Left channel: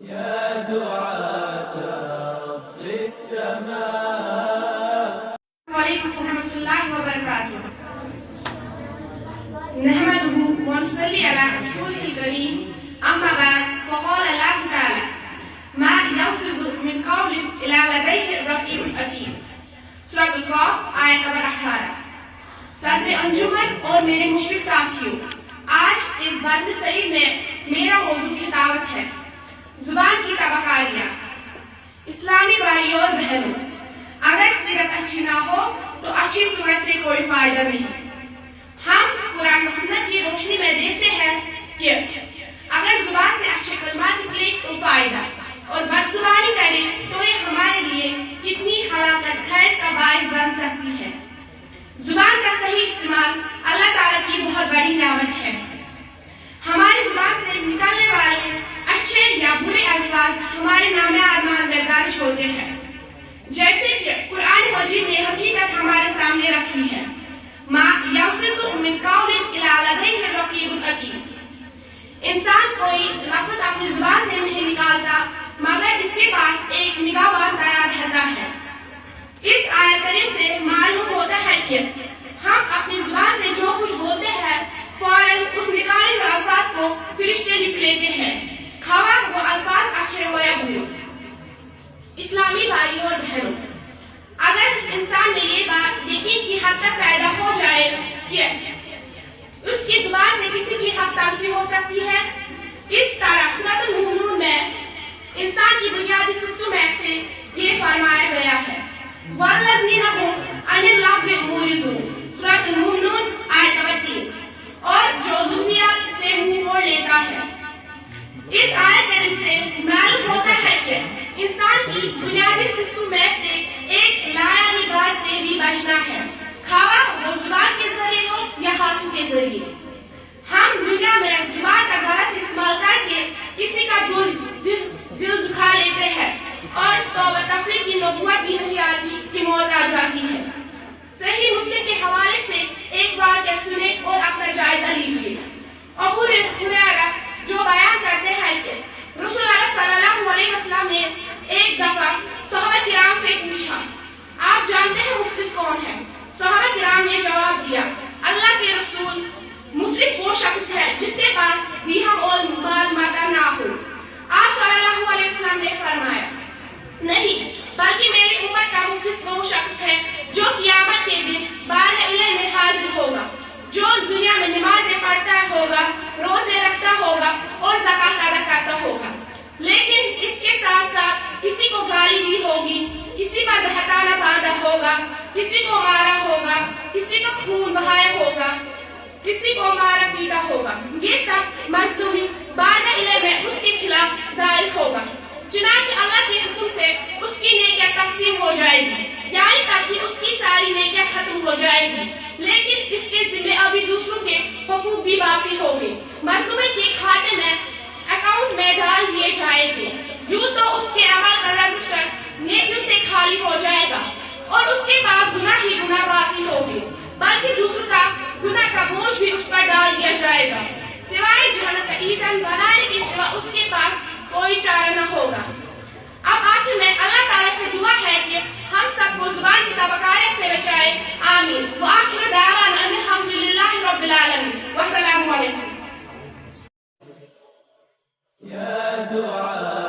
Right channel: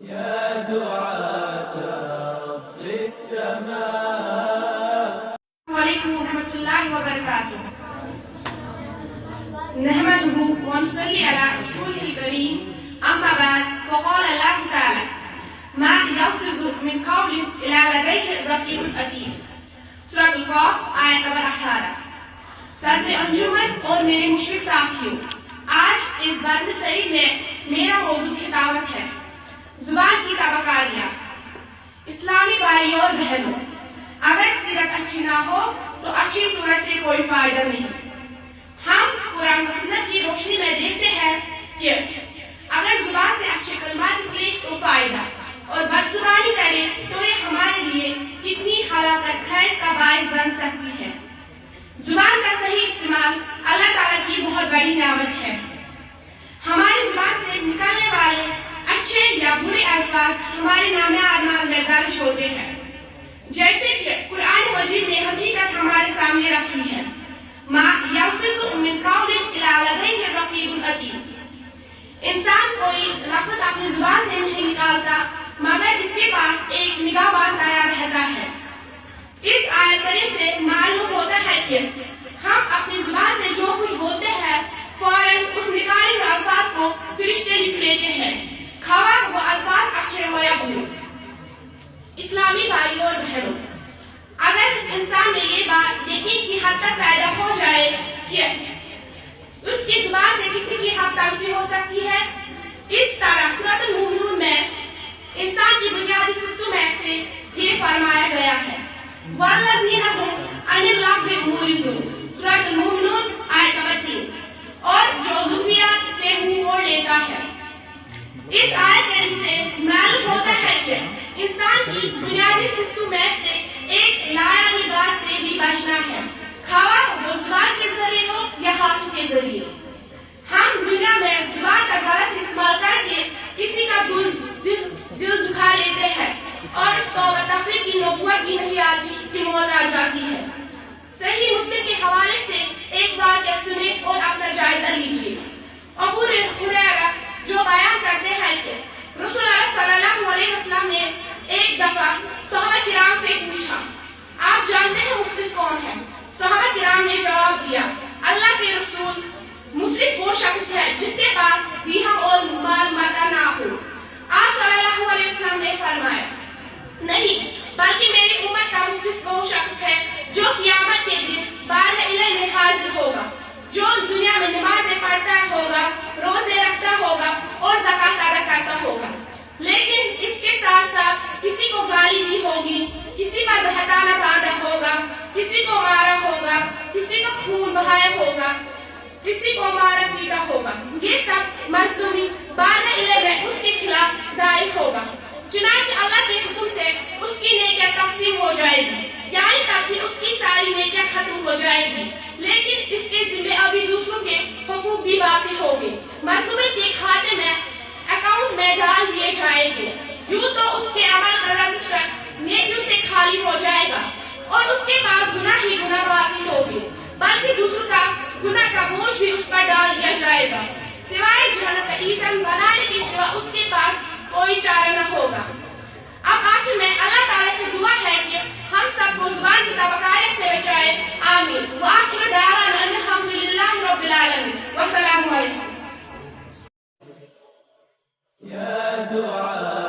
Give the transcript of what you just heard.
يا دعاة رب السماء. وعليكم ورحمة الله وبركاته. نحمده ونصلي على رسوله الكريم. أما بعد فقال الله تعالى: ما يلفظ من قول إلا لديه رقيب عتيد. سورۃ القاف آیت نمبر 18. صدر انجمن اور میرے مشفق ساتھیوں، آج اس بات شریف میں میرا موضوع خطابت ہے: زبان کی تابکاریاں. اسلامی بھائیوں اور بہنوں، اگر سیرت اچھی نہ ہو تو اچھی سنت سے کوئی فائدہ نہیں. ہم قرآن و سنت کی روشنی میں دیکھتے ہیں کہ اگر زبان سے اچھے کلمات نکلے تو فائدہ، اور بد زبانی کرے تو یہ ہمارے لیے کتنی ہلاکت خیز کا باعث بن سکتی ہے. زبان کا صحیح استعمال اللہ تعالیٰ کی بہت بڑی نعمت ہے. ہماری زبان سے نکلنے والے اچھے یا برے الفاظ ہمارے نامہ اعمال میں درج ہوتے ہیں، جیسے کہ قرآن مجید نے حقیقت ہمارے سامنے رکھی ہے: ما یلفظ من قول الا لدیہ رقیب عتید. انسان کوئی لفظ اپنی زبان سے نہیں نکالتا مگر اس کے پاس ایک نگہبان تیار رہتا ہے. اس آیت کریم سے معلوم ہوتا ہے کہ ہم اپنی زبان سے جو کچھ بولتے ہیں فوراً اس نکالے ہوئے الفاظ کو فرشتے لکھ لیتے ہیں، خواہ وہ الفاظ اچھے ہو یا برے. اسلامی بھائیوں اور بہنوں، اگر انسان میں یہ بات یقین کی حد تک پیدا ہو جائے کہ اس کی زبان سے کسی کی حق تلفی ہو سکتی ہے، اس طرح سورۃ المؤمنون میں انسان کی بنیادی صفتوں میں سے یہ فرمایا گیا ہے: والذین هم عن اللغو معرضون. سورۃ المؤمنون آیت نمبر 3. اور جو ضروریات سے منہ موڑ لیتا ہے. اس آیت کریم سے معلوم ہوتا ہے کہ انسان کی بنیادی صفتوں میں سے ایک لایعنی بات سے بھی بچنا ہے، خواہ وہ زبان کے ذریعے ہو یا ہاتھوں کے ذریعے. ہم دنیا میں زبان کا غلط استعمال کر کے کسی کا دل دکھا لیتے ہیں اور توبہ تفریح کی نبوت بھی نہیں آتی کہ موت آ جاتی ہے. صحیح مسلم کے حوالے سے ایک واقعہ سنیں اور اپنا جائزہ لیجیے. ابو ہریرہ جو بیان کرتے ہیں کہ رسول اللہ صلی اللہ علیہ وسلم نے ایک دفعہ صحابہ کرام سے پوچھا: آپ جانتے ہیں مفلس کون ہے؟ صحابہ کرام نے جواب دیا: اللہ کے رسول، مفلس وہ شخص ہے جس کے پاس درہم اور مال متاع نہ ہو. آپ صلی اللہ علیہ وسلم نے فرمایا: نہیں، بلکہ میری امت کا مفلس وہ شخص ہے جو قیامت کے دن بارگاہ میں حاضر ہوگا، جو دنیا میں نمازیں پڑھتا ہوگا، روزے رکھتا ہوگا اور زکوٰۃ ادا کرتا ہوگا، لیکن اس کے ساتھ ساتھ کسی کو گالی دی ہوگی، کسی پر بہتانا باندھا ہوگا، کسی کو مارا ہوگا، کسی کو خون بہایا ہوگا، کسی کو مارا پیٹا ہوگا. یہ سب مظلومی بارگاہ میں اس کے خلاف دائر ہوگا. چنانچہ اللہ کے حکم سے اس کی نیکیاں تقسیم ہو جائے گی، یعنی تب کہ اس کی ساری نیکیاں ختم ہو جائے گی، لیکن اس کے ذمہ ابھی دوسروں کے حقوق بھی باقی ہوں گے. مظلوم کے کھاتے میں اکاؤنٹ میں ڈال دیے جائیں گے. یوں تو اس کے عمل کا رجسٹر نیکیوں سے خالی ہو جائے گا اور اس کے پاس گناہ ہی گناہ باقی ہوگی، بلکہ دوسروں کا گناہ کا بوجھ بھی اس پر ڈال دیا جائے گا. سوائے جہنم کا ایندھن بنانے کے سوا اس کے پاس کوئی چارہ نہ ہوگا. اب آخر میں اللہ تعالیٰ سے دعا ہے کہ ہم سب کو زبان کی تابکاریوں سے بچائے. آمین. وآخر دعوانا ان الحمد للہ رب العالمین. والسلام علیکم. يا دعاة